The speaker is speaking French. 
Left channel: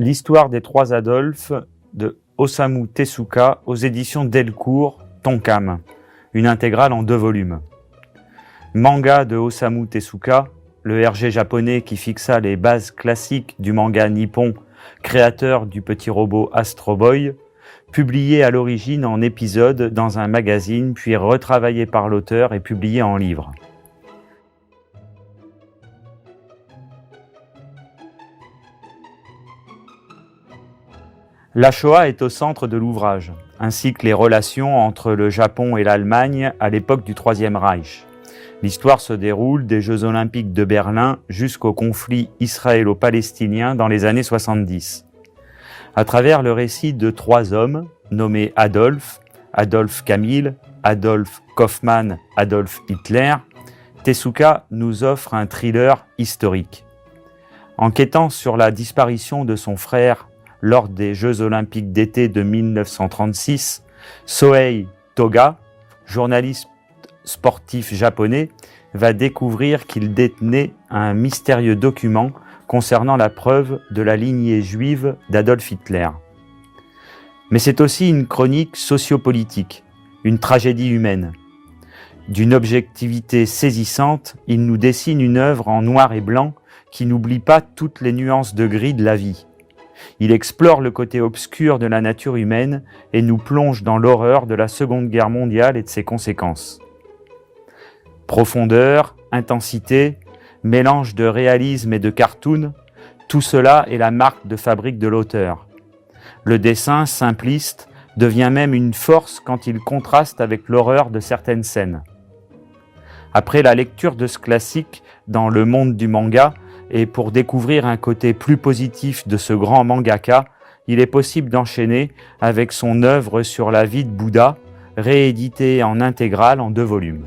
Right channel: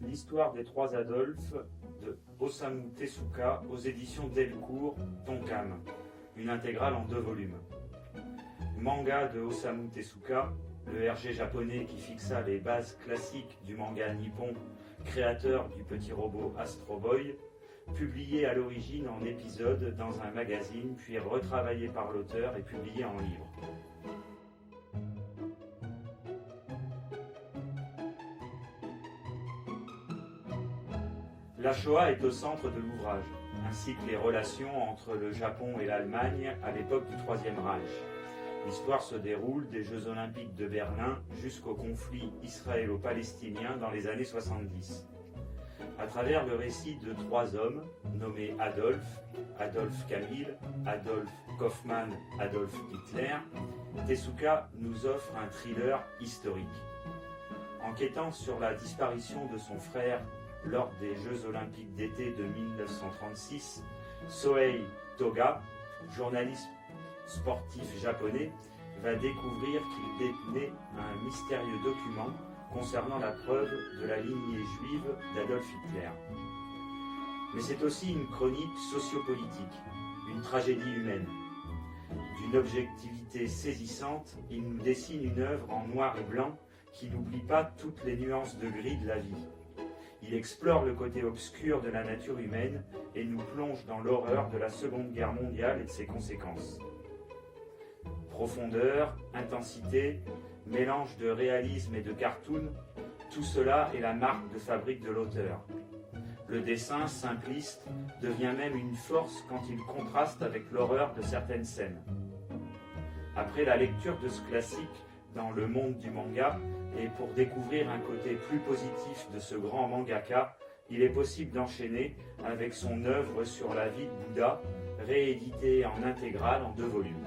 L'histoire des trois Adolphes de Osamu Tezuka aux éditions Delcourt, Tonkam, une intégrale en 2 volumes. Manga de Osamu Tezuka, le RG japonais qui fixa les bases classiques du manga nippon, créateur du petit robot Astro Boy, publié à l'origine en épisodes dans un magazine, puis retravaillé par l'auteur et publié en livre. La Shoah est au centre de l'ouvrage, ainsi que les relations entre le Japon et l'Allemagne à l'époque du Troisième Reich. L'histoire se déroule des Jeux Olympiques de Berlin jusqu'au conflit israélo-palestinien dans les années 70. À travers le récit de 3 hommes, nommés Adolf, Adolf Kamil, Adolf Kaufmann, Adolf Hitler, Tezuka nous offre un thriller historique. Enquêtant sur la disparition de son frère lors des Jeux Olympiques d'été de 1936, Sohei Toga, journaliste sportif japonais, va découvrir qu'il détenait un mystérieux document concernant la preuve de la lignée juive d'Adolf Hitler. Mais c'est aussi une chronique sociopolitique, une tragédie humaine. D'une objectivité saisissante, il nous dessine une œuvre en noir et blanc qui n'oublie pas toutes les nuances de gris de la vie. Il explore le côté obscur de la nature humaine et nous plonge dans l'horreur de la Seconde Guerre mondiale et de ses conséquences. Profondeur, intensité, mélange de réalisme et de cartoon, tout cela est la marque de fabrique de l'auteur. Le dessin, simpliste, devient même une force quand il contraste avec l'horreur de certaines scènes. Après la lecture de ce classique dans le monde du manga, et pour découvrir un côté plus positif de ce grand mangaka, il est possible d'enchaîner avec son œuvre sur la vie de Bouddha, rééditée en intégrale en 2 volumes.